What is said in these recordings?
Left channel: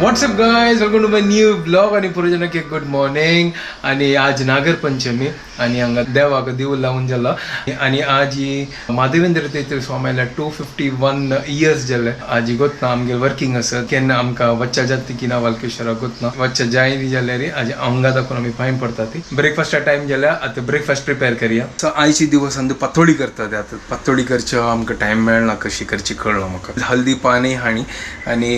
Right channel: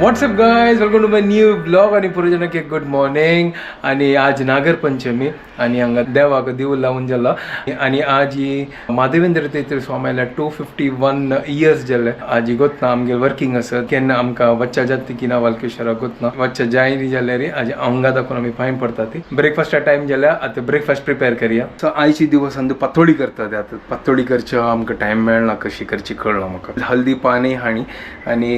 WhatsApp guys, welcome to my new blog आणि पुरोजनक good morning. आणि आज नागर पंचमी आणि हांगा देवाक दिवो लावून जाला आणि आज माधवेंद्र तीर्थ स्वामीला 251 इयर्स जाले. आज गोतना आमगे वर्किंग असत केन्ना आमकां वच्चा जाती की ना वालकेश्वरा गोतना वच्चा जाय जाल्यार आज हांगा दाखोवन आमी फायन पडटा ती ब्रेकफास्टा टायम जाल्या. आता ब्रेकफास्ट प्रिपेअर करूया. सो आयची दिवस अंदू पातोळी करतात. आता पातोळी करच्यो आमकां टायम मेळना कशी करची कळना म्हाका. हल्दी पाणी हाणी आणि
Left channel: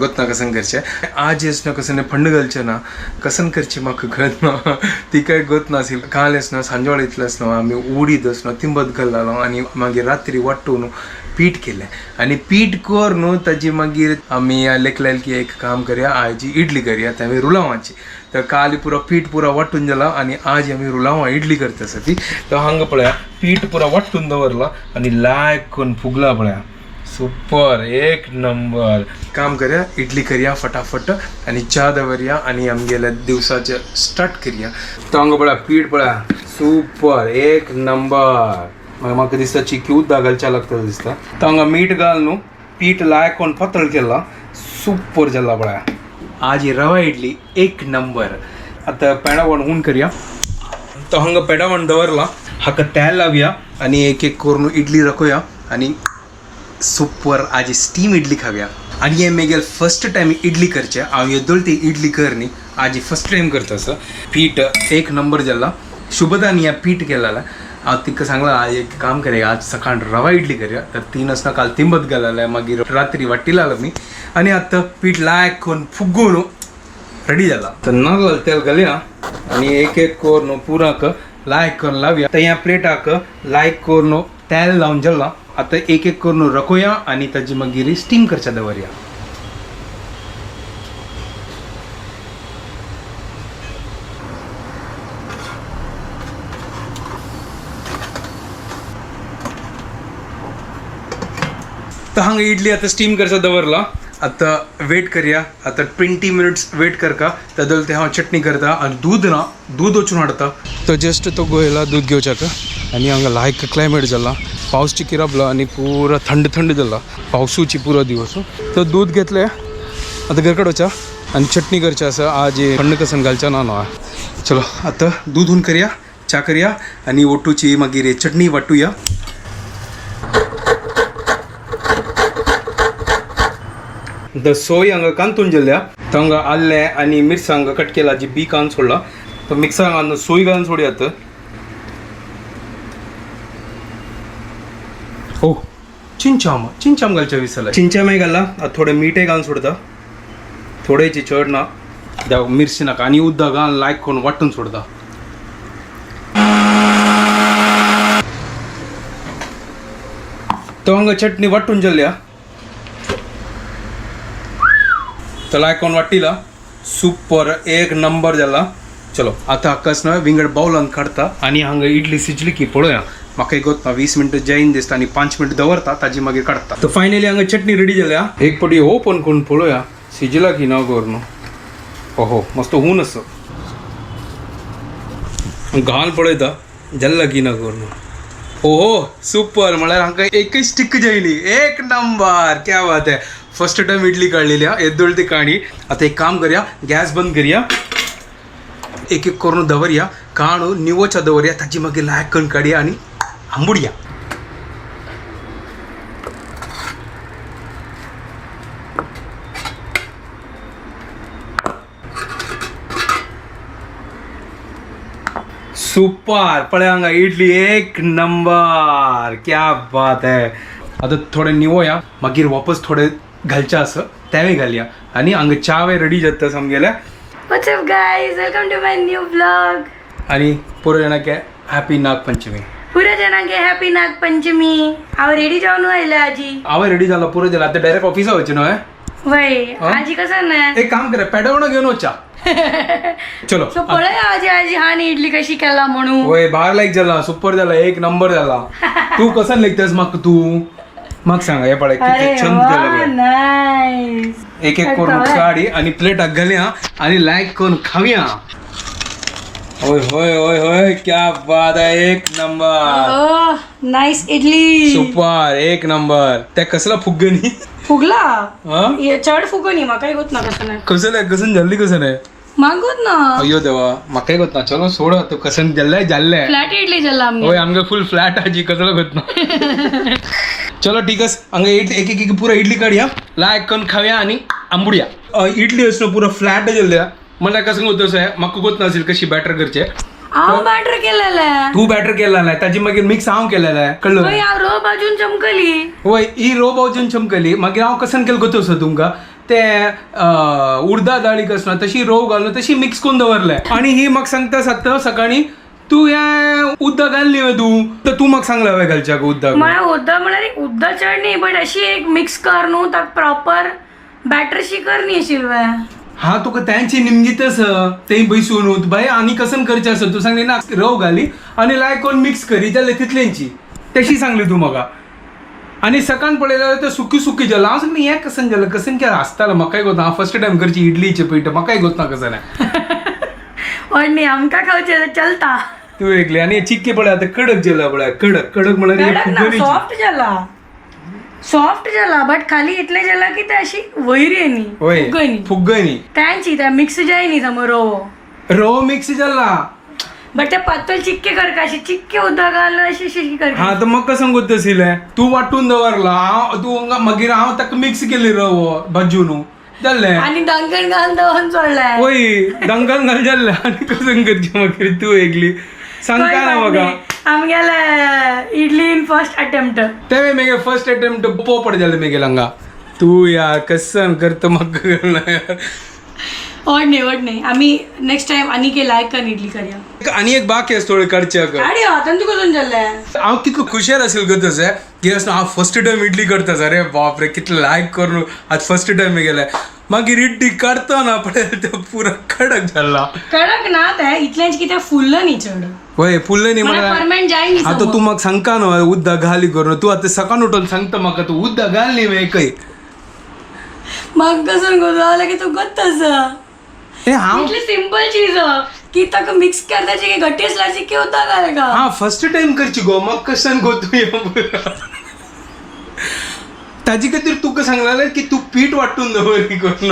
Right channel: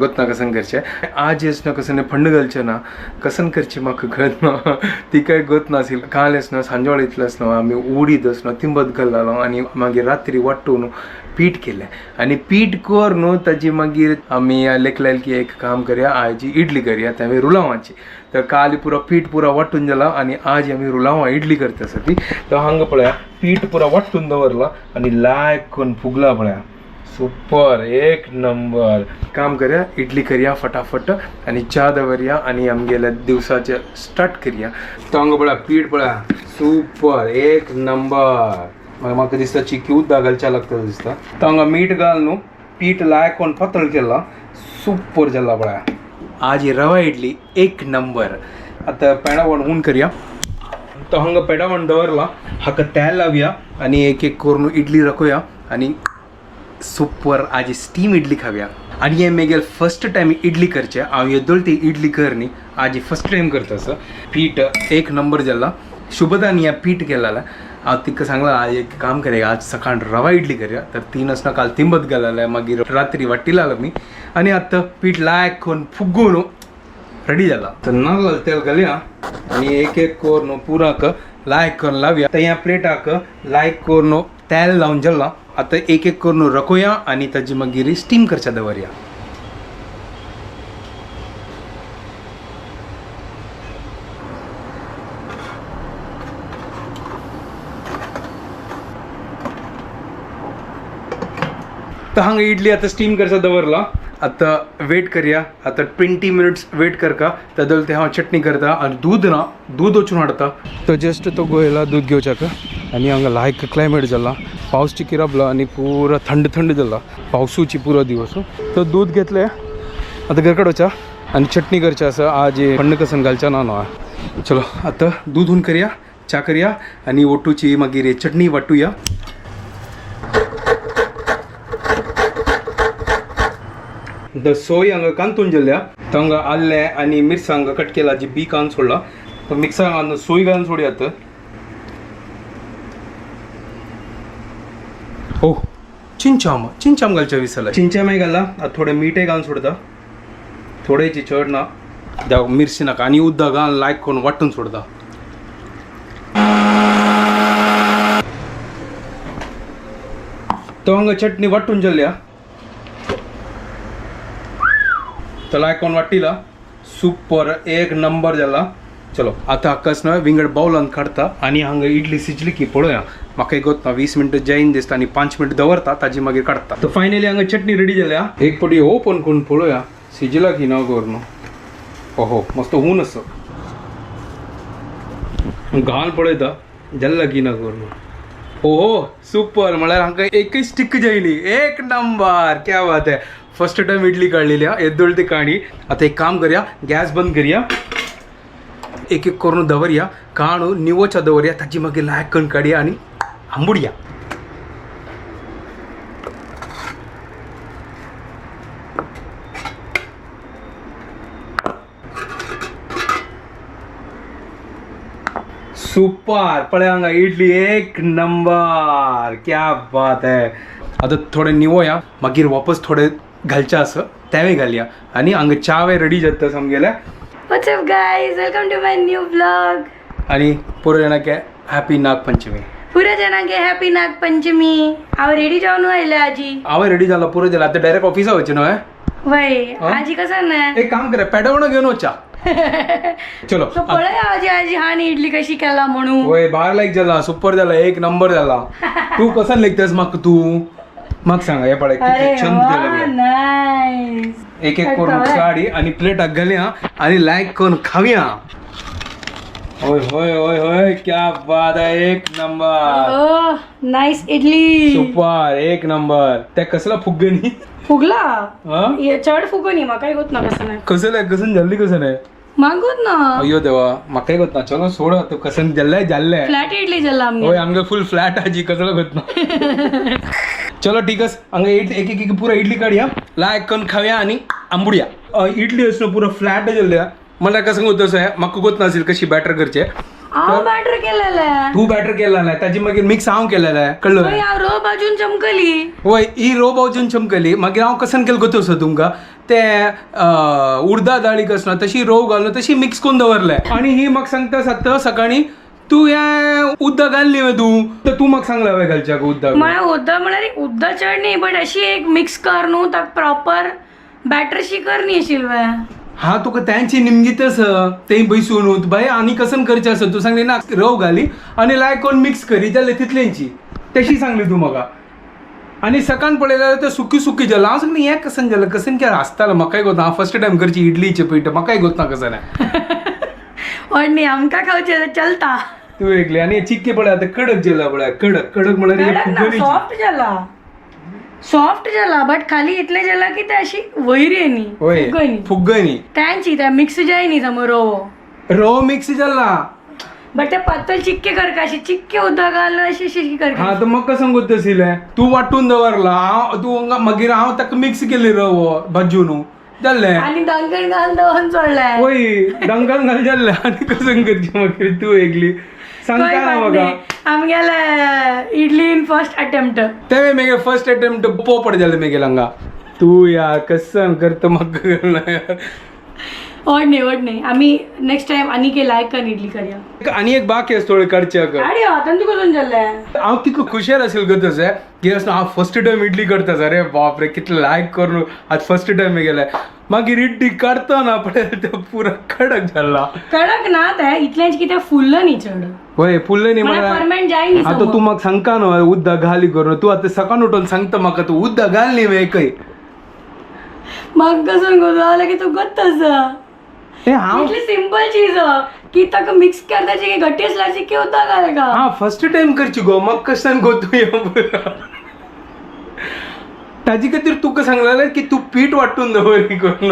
गोतना कसन करचें आज येसना कसं फंड घालचे ना कसन करची म्हाका कळत ना. ती काय गोत नासिल. काल येसना सांजवाळ इतलेच ना आमी उडीद असना तिंबत घाललो आणि मागीर रात्री वाट्टून पीठ केलें आणि पीठ कर न्हू ताजी मागीर आमी लेखलें की एक काम करया आयजी इडली करया त्यावेळी रुलावांची. तर काल पुरो पीठ पुरा वाट्टून जाला आणि आज आमी रुलावां इडली करता ती. तर हांगा पळया पीठ पुरा वाट्टून दवरला आणि लायक करून फुगला पळया. सुपर, एक नंबर. काम करूया इडली करूया फटाफट आणि च्या दवरया आणि आमगेल्या दिवसाचे स्टार्ट करूया. तो हांगा पळया पीठ पळया सुपर, एक नंबर. म्हाका दिसता चिकी उदक घालच्या लागता दिसता. तो हांगा मीठ घाल न्हू पीठ लायक कोण पातळ केला सुपर जाला पळया. आज ही रवा इडली एक नंबर. आता पेडावण हून करूया. तो हांगा पेडावण दवरला हाका तेल लावया आणि एक एक करून इडली रखोया आणि सुपर आज स्टीम इडली खाव्या. आणि हे मेगेल फर्स्ट टाइम इडली करचे हांव येदोळ ती इडली करनी आज फर्स्ट टाइम करता असं. पीठ एक नंबर जाला. शुभदान या पीठ केलेला हांव तिका सांगला आज एक काम करूया आज सकाळ रवा इडली करूया. तर 3 असना काल तिंबत घालले मागीर रात्री वाटी लायलो मी आणि आतां पीठ लायक करून फुगून रेडी जाला. तर नारळ तेल घालया आणि एक एक करून पुराक लायक करून लावया. तर ह्या प्लेटाक लायक करून तेल लावून जाला. आता एक एक करून रखोया आणि ताजी मागीर स्टीम करच्या दवरया. तर हांगा इडली आता स्टीम करचा दवरला. आता वेट करूया. आता 20 मिनिट्स वेट करका. तादल ते हांव चटणी करता आणि दूध ना दूध वचून हाडटा. तो जस्ट तो गोयला दूध घेवच्याक आणि हांगा लायक क्लायमेट जाला. पावस चिकिराबला आणि पुरा थंड थंड जाला पावसूची पुरो दिवस. तर दूध घेतले आता घर काडोवच्या आणि चटणी करची आसा. आज थंड कसन घालच्या ना न्हू. चलो आता दूध हून करूया च्या करूया आणि ओटूची मागीर चटणी वाटूया. द सोय हांगा कांतून जाल्या. तर हांगा आल्ले आणि मिरसांग कट केला जी बी कांद सोडला. तर मिक्सर घालून सोय घालून सोडयात. हो चिंचाम घालच्या विसरला. चिंचामय घाला. थोडे मीठय घालून सोडता. थोडेची चड ना द्या मिरची नाका आणि उदक घालून लायक करून वाटून सोडता. तो हांगा चटणी वाटून जाल्या. तर लायक करून वाटिला सुपर, एक नंबर जाला. चलो आता हाकाच ना विंगड बाउलान काढता आणि हांगा इडली शिजली की पळोवया. म्हाका एक गोत 20 मिनटं जायन दिसता आणि 5 मिनटं दवरता ताजी मागीर काडटा. तर फायनली हांगा चटणी रेडी जाल्या. एक पटी ओपन करून पळोवया शिजला की ना गोर न्हू. ओहो मस्त ऊन असं घाल पळयता जल्ला की ना गोर न्हू. ओहो सुपर. म्हळ्यार हांगा एकच स्टिक जायली. एक नंबर, क्या बात आहे. फर्स्ट टाइम इडली काढलेली येदोळ ती काणी. आता एक काम करूया गॅस बंद करूया. एक एक करून दवरया काणू निवोच्या दवरया ताची मागीर लायक करून काडया आणि आंबुडया. सुपर पळय हांगा इडली एक नंबर, क्या बात आहे. आता थोडे निवोया मागीर वापस थोडे घालच्या असं त्यावेळी घालया आणि हांगा चावे रेडी जाता समगेल्या. What's up guys, welcome to my new vlog. आणि पुरो जाणांक हॅपी नागपंचमी. पुऱ्या जाणांक हॅपी नागपंचमी. हांव रेडी जावन आयला आजी. हांव रेडी जाला पुरो जाला. आता डायरेक्ट ऑफिसा वचचें न्हू. वय आजी कसं ना एक काम करा पेडवणं घेऊन वचा. चलो पळय आजी आजी हानी इडली कशी केला म्हणून. वय भार लायक जाला सुपर जाला एक नंबर जाला. तू कसन लेखतेस म्हाका तू म्हाका सांगा हे पळय किती छंद केलं. नाईस. एक एक करून काडी आणि प्लेटाक घालया आणि लायक करून खावया. होय होय होय होय क्या बात आहे एक नंबर नाईस इडली सुपर एक नंबर त्या कसला फुगणी फुगला हा हे चढ फुगणी म्हाका होत ना कसं नाही कसं नाही कसं जल्दी कसं नाही मागोत ना अय्यो देवा म्हाका गोत ना चलो सोड तू कसं जाल्लाय जाल्ले फ्लॅट इडली जल्ला आमगे होय आमगे फुल फ्लॅट आजी कसलं गोत ना चलो ठीक आहे हंगे एक एक पुरा इडली काढूया लायक करून खाऊया आणि आंबुड्या इडली असणं पुरा फ्लॅट जल्ल्या मला कसं होतं आहे म्हाका गोत नसेल कशी बॅटर करचे हांव बॅटर केलेलं आहे तू बॅटर केलेला आहे ताजी मागीर मिक्स हांव केलेला आहे कळलं हांव रो बाजून चमकली होय ही रो बाजून चमकली मागीर हांव कसं केलं गोतो सो तुमकां ते उडदा दाळीक आसना तशी रोव घालून तशी मिक्स करून दवरले आणि ही म्हाका सांगता सात सकाळी तू हे उद्दा घालली वे तू तर तू म्हाका सांगला वे घालच्याक उद्दा मला उद्दा म्हळ्यार उद्दा चढ न्ही बट अशी एक मिक्स कर न्हू ताका प्रॉपर बॅटर शी कर न्ही शिल्वे हा तुका त्यांची निमगीतच ते बैसून बाय आणि कसं करचे असं तू सांगली ना रव घाली आणि लायक कोण मिक्स करी जाल्यार तितल्यांची तशी सांगली तू म्हाका आणि सकाळ पळयल्यार ते सुकी सुकी जाला हांव सांगली हें कसं जालें कसं केलें आसतालें म्हाकाय गोत ना हांव फर्स्ट टायम करची इडलीचे पीठ म्हाकाय गोत ना कसं नाही पण न्ही आमकां खावचे चलता तू एकली आणि चिक्के पळय आता कडक जाला पळय कडक कडक म्हळ्यार सॉफ्ट जाला बट खाली इतले जाला की ते अशी वैरी न्ही होय फुग्गनी त्यांची त्या मिक्स जाय न्ही समोर रवो मिक्स जाला बट ते पातळ चिक्के करका अशी चिक्के उदक घालून अशी अशी करका हा तर मग कसं गोत आशिल्लें तू वाटून दवरला तू मागीर हांव ताका मिक्स केली रवो भाजून जाल्लें आणि दंगण घालून दवन चोडलाय होय दंगल घाल जाल्लें आनी कसं करची मागीर तू एकली सांगता ना म्हाका आमगेले इडली इन फर्स्ट अटेम्प्ट तेवे मेगे फर्स्ट अटेम्प्ट पोपट जालें मेगे हांगा तू यार कसं करता म्हाका कळना यार ओड नाही आम्ही नेक्स्ट टाइम आणि के लायक कर इडली करूया आणि एक बाकी आसा थोडे करच्याक अरे हातान तुका कसून जाल्ले हांव कितलो खुशाल असेल गो तशें की असं हांव फर्स्ट टायम इडली करता अरे बाप रे कितले लायक करून आज फर्स्ट टायम गेले मागीर इडली काडता ना पळय ते पुरा कडक जाला कडक ना ते इतल्याच कितें फुल्लं न्ही चड होय फुल्ल न्ही मला म्हणल्यार फर्मेंट जाय न्ही आता तू म्हाका सांगता न्हू उद्दा घाली करून तू आता सकाळ उठून सांगता म्हाका तू उद्दा घाल न्ही वे एकय म्हाका कसून गोजावलं की तू गोत्तस हे हांव इतली सिंपल चीज की ताका मिक्स करताची की गट्टी असल्याची की होता काय का हा फर्स्ट टाइम करची गो म्हाका कशान गो तू ताजी खातीर तुका सांगलें की तू पीठ वाटून दवर करून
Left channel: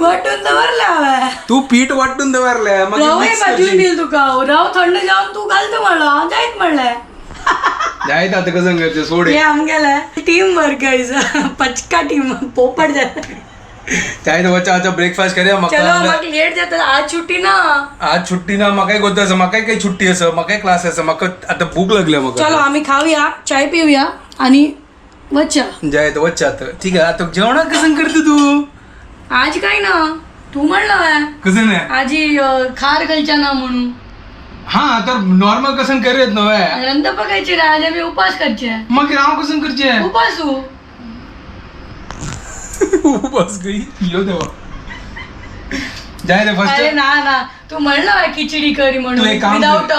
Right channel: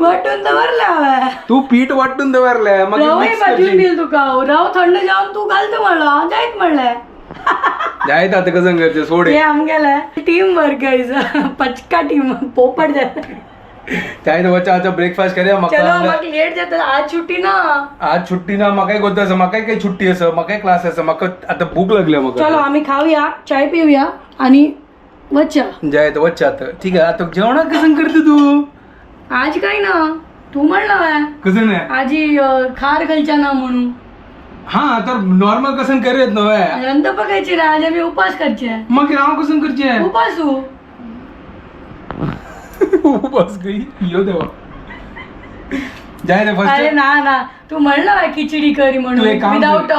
वाटून दवरले हांवें तू पीठ वाटून दवरले मागीर रवय मिक्स भाजून करची दिल तुका रव थंड जावन तू घालतो म्हणलो जायत म्हणलें जायत आता कसं करचे सोड हे आमगेले टीम वर्क पचका टीम पोपट जाता जायत वच्चा आता ब्रेकफास्ट करूया चलो म्हाका म्हाका लेट जाता आज छुट्टी ना आज छुट्टी ना म्हाकाय गोत आसा म्हाकाय काही छुट्टी आसा म्हाकाय क्लास आसा म्हाका आता भूक लागल्या म्हाका चलो आम्ही खाऊया चाय पिऊया आणि वच्चा जायत वच्चा आता ठीक आहे आता जेवणाक कसं करते तू आज काय ना तू म्हणलं कसं नाही आजी खार घालच्या ना म्हणून हा तर नॉर्मल कसं करूयात नव्हे रंद पकायची रे आज आम्ही उपास करचे मागीर हांव कसं करचे उपासू बस गई यो देवा जायत अरे फर्स्ट ना ना तू म्हणलं खिचडी करी तू म्हणून एक काम विदाउट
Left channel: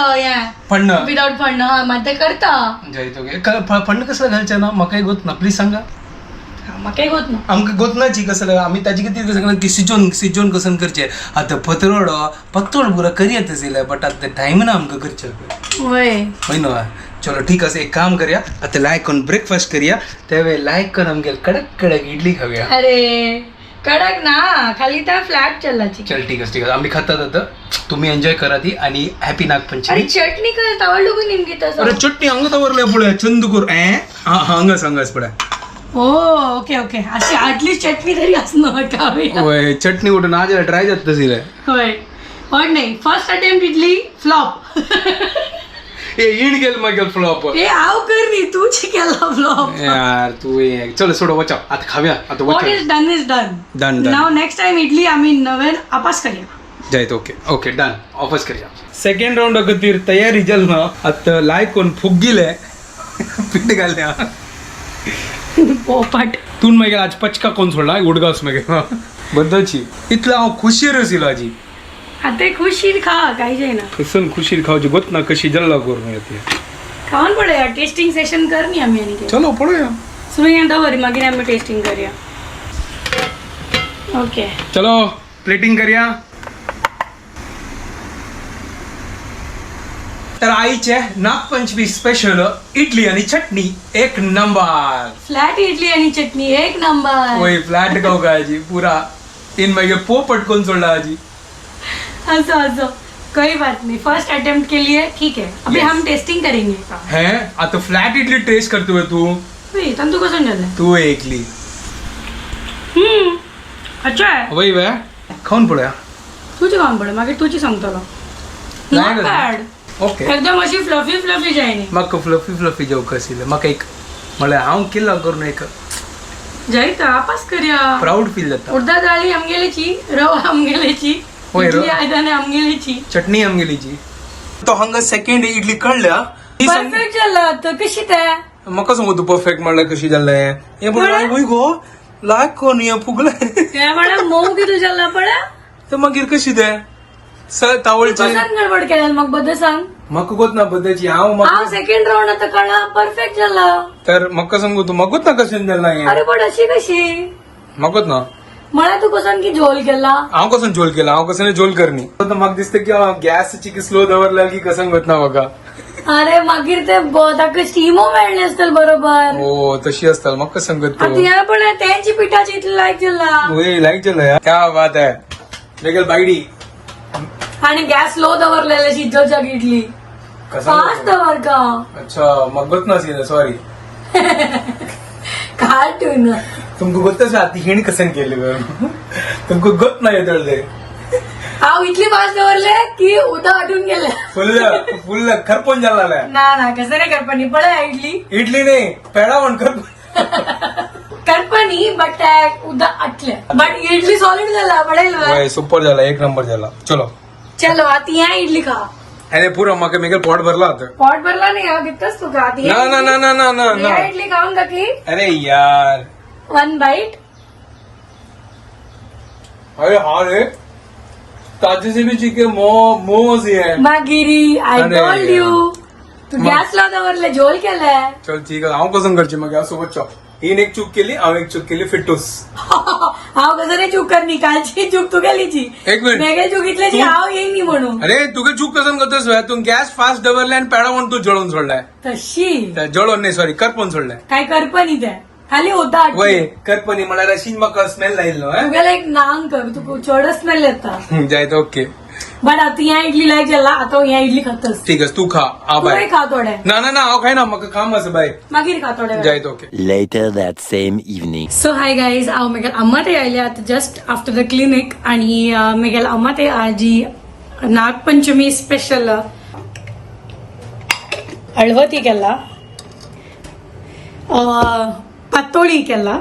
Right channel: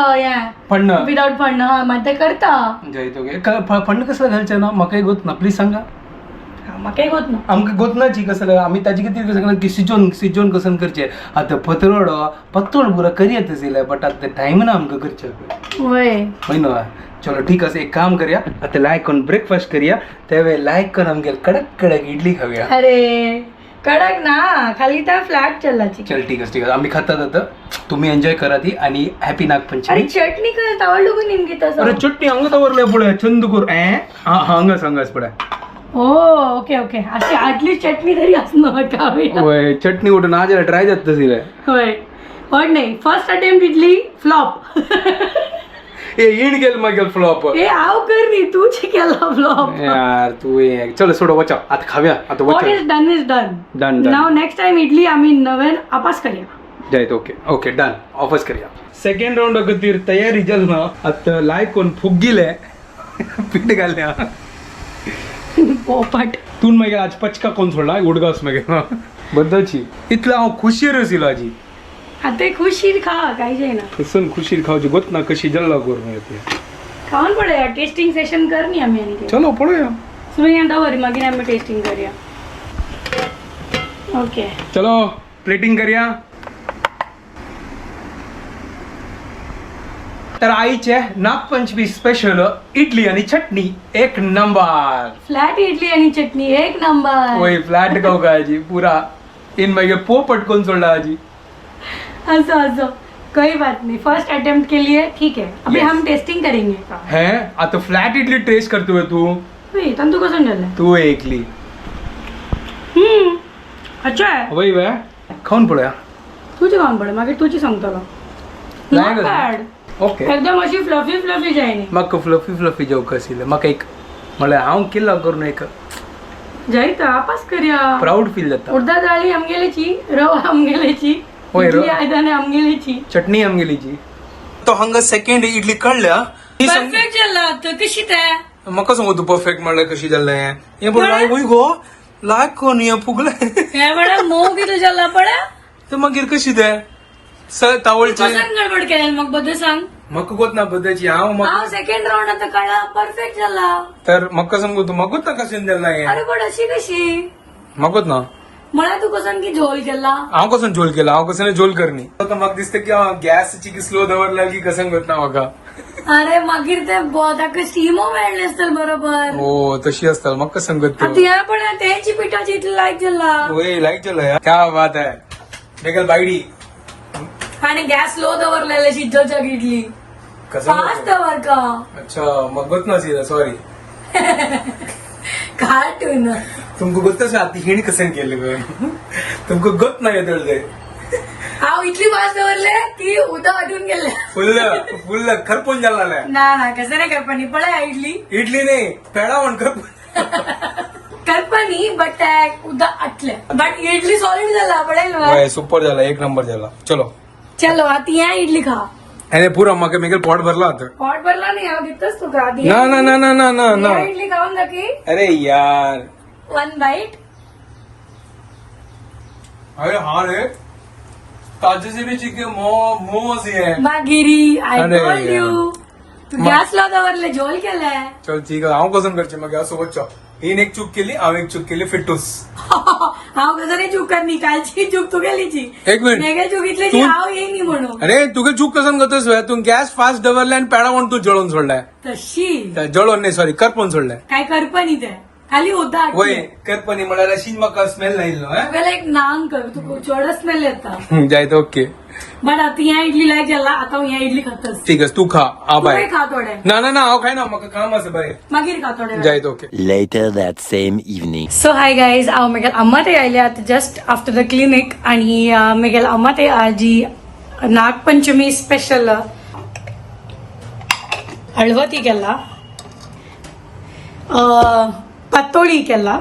फणं विदाउट फंड हा मग ते करता जायत ओके फंड कसं घालचे ना म्हाकाय गोत ना प्लीज सांगा मग काही होत ना आमकां गोतनाची कसं आमी ताजे खातीर सांगला की सिजोन कसं करचे आतां पत्तोड पुरा करयात आशिल्लें बट आतां टायम ना आमकां करचे वय होय न्हू चलो ठीक आसा एक काम करया आतां लायक करून ब्रेकफास्ट करया त्यावेळी लायक करून आमगे कडक कडक इडली खावया अरे कडक ना खाली त्या फ्लॅट चल्लाची चल ठीक आहे आम्ही खातात आता तुम्ही एन्जॉय करा ती आणि हॅपी नागपंचमी अरे चटणी कर तावडलो की निमकी तसं अरे चटणी हांगा दवरल्या पळय चंद कर हांगाच पळय ओ ओके ओके अशी आटली चटणी तरी असणं खाऊया होय चटणी उठून आज ट्राय जात तसिले होय पण नाही first attempt idli flop A Ind गेल मागेल फ्लॉप ए आव कर नी तूच केला फ्लॉप यार तू चलो सोड वचा आता खाव्या आता व्हॉट वचा is done is done done now next time idli आम्ही नवेन आपास करूया जायत ओके ओके डन ऑफर्स करया सेकंड राउंड खातीर तयारी जल ना आता लायक कोण फुगिले पीठ घालल्या पोपट तून मागीर आज पचका कोण सोडला उडगावस मागीर बद्दलची इतलो हांव खुशीर आशिल्लो आजी आता खुशीर खा काही जायना कसन खुशीर खावची गोत ना कशी जल्ला करून येते खाऊन पडूया टेस्टिंग सेशन कर नी आम्ही आणि चलो पळोया सुरया दवर मागीर आम्ही टेस्टिंग करूया ओके चलो प्लेटिंग करया तर आईचे नागपंचमी स्पेशल इडली आणि चटणी एक नंबर. फ्लॅट इडली आणि चटणी एक नंबर. वही फ्लॅट खाऊ का आजी पुरा इन मागे पो पटकून सोडला आजी. असो असो कोई बात नहीं, फर्स्ट अटेम्प्ट के लिए ठीक है. अभी Yes. हम टेस्टिंग करेंगे. है आता फ्लॅट इडली टेस्ट करतोय तू. तंतू कसं झालं? तू एकली अच्छा आहे. वही वे खाऊन पडूया. तुझी खाऊन पड मागे तुझी सांगतो ना. नाही Not का? bad. ओके एकदम अशी फ्लफी फ्लफी जायनी. मग फ्लफी जेव कसिले मग एक मला हांव किल्ला करून एक जाई तर आपास करूया. प्राऊड फील जाता. उडदा डाळी आमगेलेची, रवा आमगेलेची, होय, इडली रवा. आयदाने आमगेलेची. चटणी आमगेलीची. तो हंगा सेकंड इडली काढल्या परफेक्ट झाला तर कशी त्या म्हाका सांगू तू परफेक्ट म्हणलं कशी जाल्लें हे बोल वय गो लायक कोण हे फुगलें या बडा मऊ की तुझ्या लपडा तर मागीर कशी ते सर तावळचे कसान गडबड केला मग बद्दल सांग. म्हाका गोत ना बद्दलची हांव हा म्हाका सेकंड राऊंड आता काढा परफेक्ट झाला. तर म्हाका सांगू तू म्हाका गोत ना कशें जाल्ला हें अरे पण अशी कशी म्हाका गोत ना मला तू कसान की झोल केला. हांव कसं झोल केला हांव कसं झोल करनी तर म्हाका दिसता की हांव गॅसची की स्लो दवरला की कसं गोत ना म्हाका. अरे मागीर ते ताका स्टिमो मेळले असतील बरोबर. हो तशी असता म्हाका सांगत तो तिला पण त्यांची पिठाची इतली लायक झाला वय लायक जाल्ला यार क्या बात है मेगल बायडी आणि गॅस लो दवरलेले शिजोच्या इडली कसं फास्ट दवर का अच्छा म्हाका गोत ना सॉरी काय ठेवून तुमको गोतच आती हिणी कसं केलं तुमको गोत नाही येतले हाव इतली फास्ट दवरले की उदा आटून गेले. फुल खरपून झाला ना कसं नाही करपणी पळा इडली इडली नाही पेडा पण खरपून करपणी बट उदा आटले बट इडली सॉलिड झाला पडेल. सुपर झाला एक नंबर झाला. चलो चलो आता या इडली खा. अरे पुरा म्हाका मेगल पोट भरला आता. पॉट भरला नाही हो तिथंच तू खा. ना ना ना ना ना ना ना या इडली खाऊन का की अरे यार 1 बाईट. अरे हाँ रे ताजे से भी चिकन मोमोज ही है. मागिरी आय अरे टोल्ड यार. यू तू गॅस लावल्यावरले झोल केलाय. चल ठीक आहे हांव कसं करची मग सोबत चॉ हिन एक चूक केली हांव एक चूक केली फिटूस. हाव कसं नाही चूक करणी कालची चूक तू केलीची. एक मिनिट वेगळी चूक इथली की तू- हाव येईनी म्हणून अरे तुका चूक कसं करतोस बे? तू गॅस फास्ट दवरले आणि पेडा म्हणून तू जळून सोडलाय. तशी जळून नाही सॉरी करपून सोडलाय. काय करपणी त्या खाली होता वय करपणी म्हळ्यार अशीच म्हाका स्मेल नाही तुगेला एक नांग कर तू चड स्मेल येता. जायत ओके बट आता या इडली लायक झाला आता या इडली खातस. ठीक आहे तू खा आ तू बाय. खा थोडे ना ना ना हांव खायना म्हाका काम आसा बाय. मागीर खा थोडे. जायत okay. Later that same evening. So hi guys हांव मेगेल अम्मा ते आयले आता जस्ट आफ्टर द क्लिनिक आणि मेगेल अम्मा ते आजी नागपंचमी स्पेशल हळवती केला पातोळी केला.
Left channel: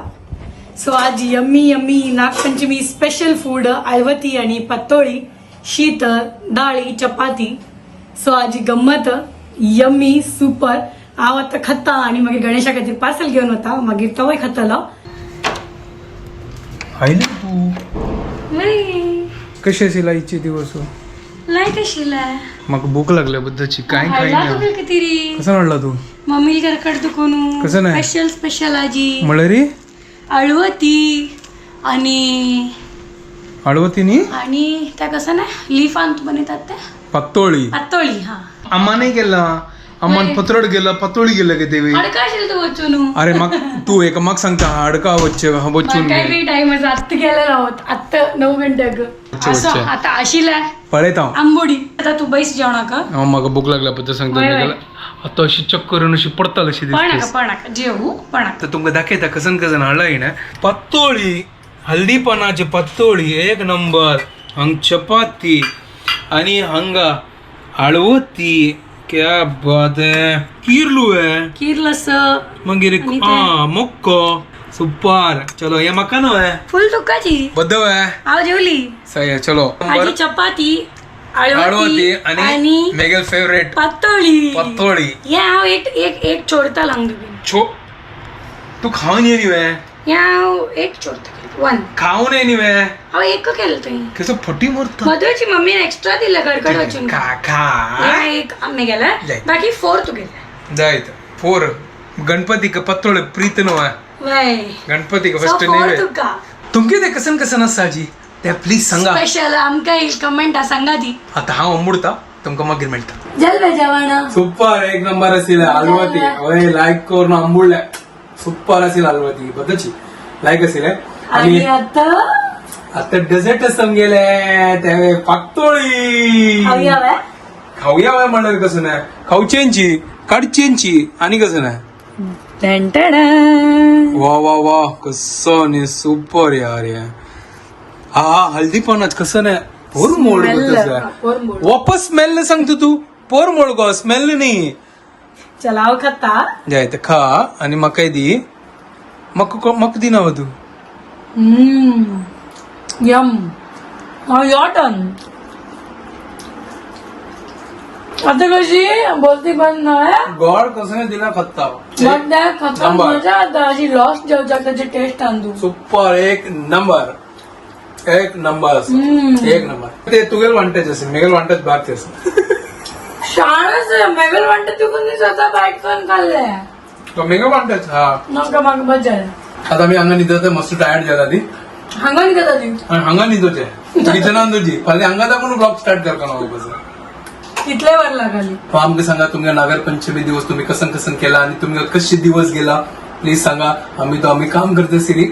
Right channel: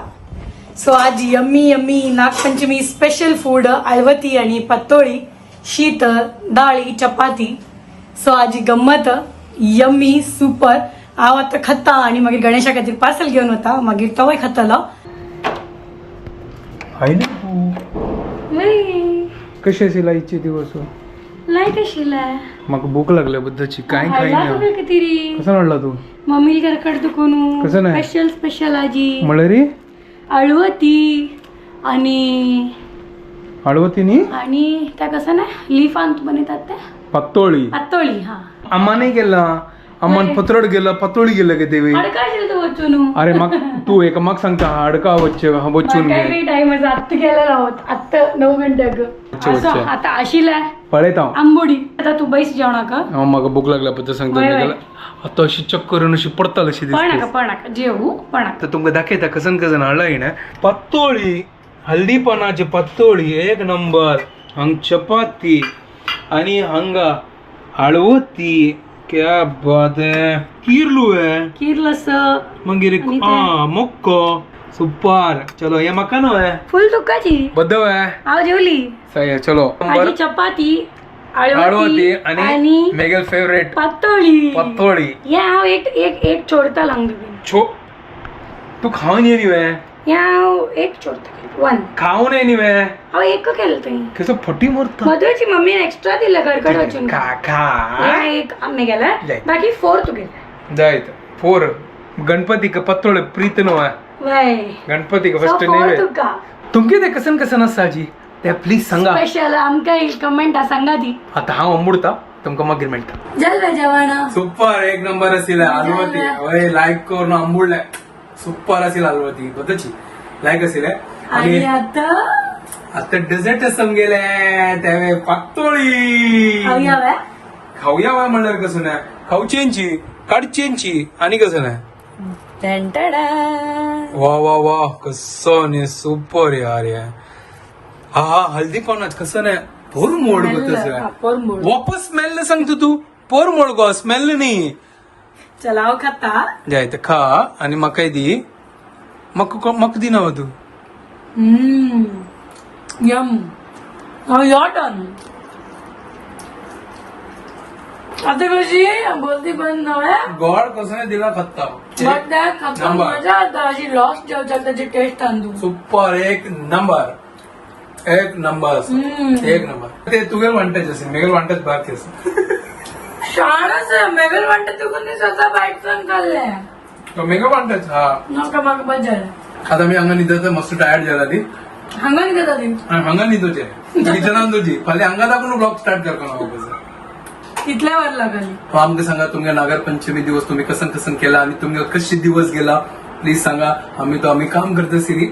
सो आज yummy yummy Nag Panchami special food हळवती आणि पातोळी शीत डाळी चपाती. सो आजी गंमत यम्मी सुपर. हांव आता खाता आणि मागीर गणेशा खातीर पार्सल घेवन वता मागीर तोय खातलो. आयले तू कशी असेल आईचे दिवस लायक आशिल्लें म्हाका भूक लागल्या बद्दलची काय हाडला खायना. कितें कसं म्हणला तू मम्मी घरकड दुखून कसं नाही? स्पेशल स्पेशल आजी म्हणलं रे हळवती आणि हळवतीनी आणि त्या कसं नाही लिफान बनवतात त्या पातोळी पातोळी. हा अम्मा नाही गेला अम्मान नाही. पत्रड गेला पातोळी गेलं का तेवे. अडका असेल तू वचून अरे मग तू एक मग सांगता हाडका वच्चे बच्चून काय काही टाइम आत्ता गेलेला आहोत आत्ता 9 घंट्याक अच्छा, असं अच्छा. आता आशिलाय पळयत हांव आंबोडी. आता तू बैस जेवणाक म्हाका भूक लागल्या पद्दल सांगता वय, मी वय. गेला आता अशी चक्कर अशी पडताल अशी पणाका दिसते. पणाका जेवू पणाका. तर तुमका दाखयता कसन कसन हाडला ना पातोळी हल्दीपणाची पातोळी एक नंबर. हंग चपाती आणि हंगा हळवती क्या बात है किरलू है किरलस मागीर आणि ते- मक्को सुपर. चलो हे म्हाका न्हू है फुल तुकाची बद्दव है हांव जेवली. सही है चलो. आजी चपाती हळवती हळवती आणि आणि मेगल फेवरेट पातोळी. पातोळी. या हांव एक छोडता लागलो. छो तू खाऊन ये वे या हांव एक छोडता 1 खाऊन ये वे हांव एक केलं तुवें. कसं फटी मरता मधुरची मम्मीने एक्स्ट्रा दिलं गडगड वचून. खा खा या एक आम्ही गेला जाय. बाकी 4 तू गेला. जायत फोर गणपती का पत्तोळे प्रीत नो आहे वय गणपती का So, फर्स्ट 4 नाही तुका तुमके ते कसन कसन आसा जी ते प्लीज सांगा. स्पेशल आमकां कमेंट सांगा ती. आता हांव अमृता तुमका मागीर मेळटा जल बेजवाना सुपर एक नंबर असेल हलवती वय लाईक करून आंबुळल्या सुपर असेल हलवती बदची लाईक असेल आणि आणि आता आता डेझर्ट समगेले त्यावे पातोळी खाऊया बाय. खाऊया वय म्हणणार कसं नाही खाऊचेंची काढचेंची आणि कसं नाही वा वा वा कसं नाही सुपर यार या हा हल्दी पानाच कसं नाही पोर मोड पोरमोड. वापस स्मेल न सांगतो तू पोर मोड गो स्मेल नाही चला हांव खाता. जाय तर खा आणि मका दी मक दी नाव तू यम यॉटन आता कशी बोलती पण ना गॉड कसं नाही दिला खत्ता खाता नंबर. मजा आता अशी लॉस्ट जेवच्या त्याची टेस्ट आणतो. सुपर एक नंबर एक नंबर एक नंबर ते तुगेल वांटेज असेल मेगेल वांटेज बाहेरच असेल शाळाच मेगल वाटत तू कोणी स्वतः बाईट पण खाल्ले मेगेल वांटेज हा नका माग बजाय आता मी हांगा न्हिदता मस्त टायर्ड जाला ती हांगन गेला ती हांगा न्हिदोचे किचनान तुझी फाल्यां हांगा दाखवून ब्लॉग स्टार्ट करता ना कितले वर लागली. आमकां सांगा तुमच्या नागरपंचमी दिवस तुम्ही कसं कसं केला आणि तुम्ही कशी दिवस गेला प्लीज सांगा आम्ही काम करतो सिरी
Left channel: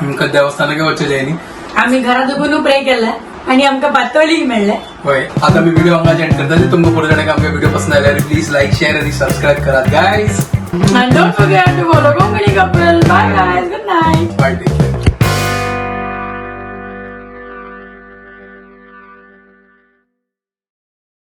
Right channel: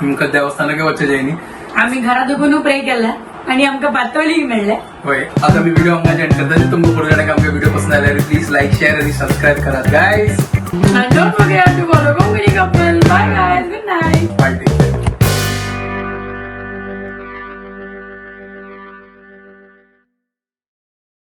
आमकां देवस्थानाक वचचे जायनी आम्ही घरात उभून प्रे केलाय आणि आमका पातोळी मेळ्ळे. होय आता मी व्हिडिओ आमकां एंड करता तुमकां पुढे जाण्याक आमच्या व्हिडिओ पसंद आल्यार प्लीज लाईक शेअर आणि सबस्क्राईब करा guys. And don't forget to